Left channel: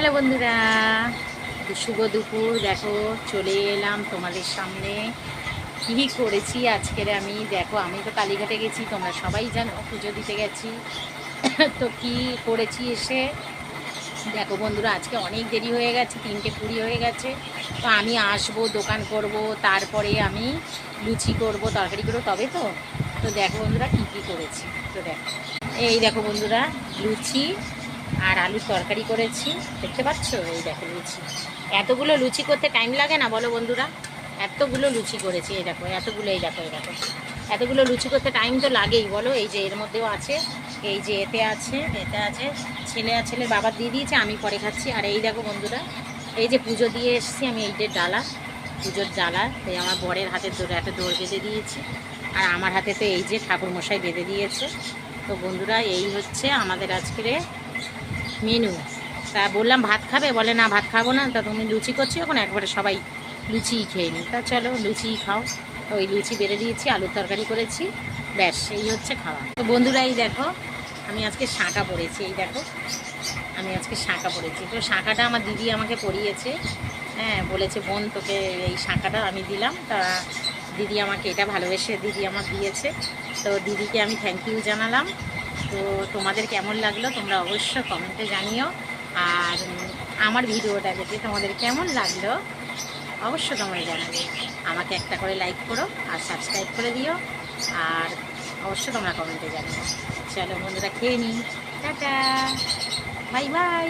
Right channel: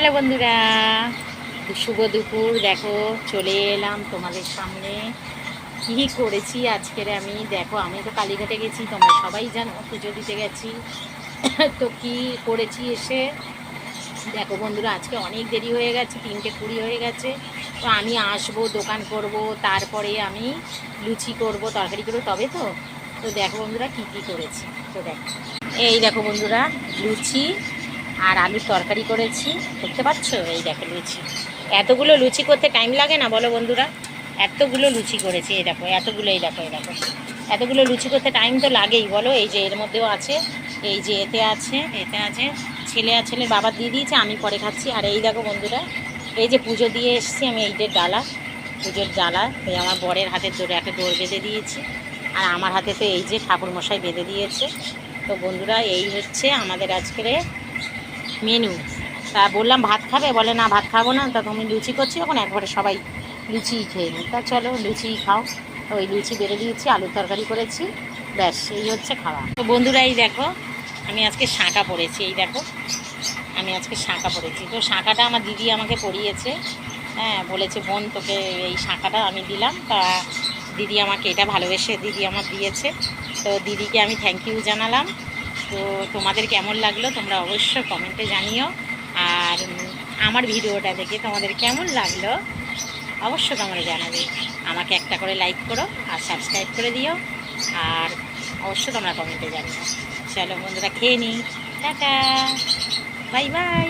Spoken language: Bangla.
হ্যালো বন্ধুরা, শুভ দুপুর। দেখো চলে এলাম তোমাদের সামনে। কী করেছি আজকের আমি, দেখো আমি তো কালীঘাটে গেছি, তোমরা সবাই জানো, পুজো দিতে গেছি। তো কি করেছি এসে দেখো বন্ধুরা, আজকে অনেক দেরি হয়ে গেছে, 3:20 হয়ে গেছে। তো আমি আসবো, দোকান করব, তারপরে আমি লুচি করব, তরকারি করবো, তবে তো তো দেখো বন্ধুরা কি কি করেছি। তো দেখো, এই দেখো বন্ধুরা, লুচি আর আলুর তরকারি করেছি, দেখতে পাচ্ছ? এই দেখো লুচি। এতগুলো লুচি করতে টাইম লাগে না বলো বন্ধুরা? এতগুলো লুচি করেছি, এই দেখো এতগুলো, এই দেখো এই দেখো, এতগুলো লুচি করতে টাইম তো লাগেই বলো। এই যে এর মধ্যেও আছে, এই যে এতে আছে ছেলে আর ছেলের বাবা দিয়ে দিয়েছে, আমি পরে খাচ্ছি। আর এই দেখো বন্ধুরা, এই যে পুজো দিয়ে এসেছি আমি, এই যে ডালা, পুজোর ডালা, এই আমার বরের হাতে একটা দৌড় বেঁধে দিয়েছি, আর আমার হাতে তো এই যে ঠাকুরমশাই বেঁধে দিয়েছে। তো বন্ধুরা এই হচ্ছে আমাদের আজকের মেনু। তা বললাম ভাত খাবে, বলে না ভাত খাবো না, তা তুমি লুচি করছি, এখন একবারে সবাই লুচিই খেয়ে নিই। তা চলো লুচিই খাও। ওই লুচি বেড়ে দিয়েছি, আলুর তরকারি করেছি, ব্যাস এই হচ্ছে খাওয়া। তো বন্ধুরা এই দেখো, আমি আজকে শাঁখা পরেছি, এই দেখো আমি আজকে শাঁখা পরেছি। তো শাঁখাটা আমার দিদি আমাকে পরিয়েছে, হ্যাঁ, বলেছে বোন তোকে এই শাঁখাটা আমি দিলাম। তা দিদি আমাকে এটা ভালোবেসে দিদি আমার দিয়েছে, তো দিদিকে আমি থ্যাংক ইউ জানালাম। তো তোমাদের কেমন লাগলো তোমরা অবশ্য কমেন্টে জানিও। আর আমার ভিডিওটা দেখে তোমাদের কেমন লাগলো অবশ্য তোমরা জানাবে। আমাকে একটা করে লাইক করো আর সাবস্ক্রাইব করে দিও, আর অবশ্য তোমরা কমেন্টে জানিও। চলো বন্ধুরা খেয়ে নিই, টাটা, বাই বাই।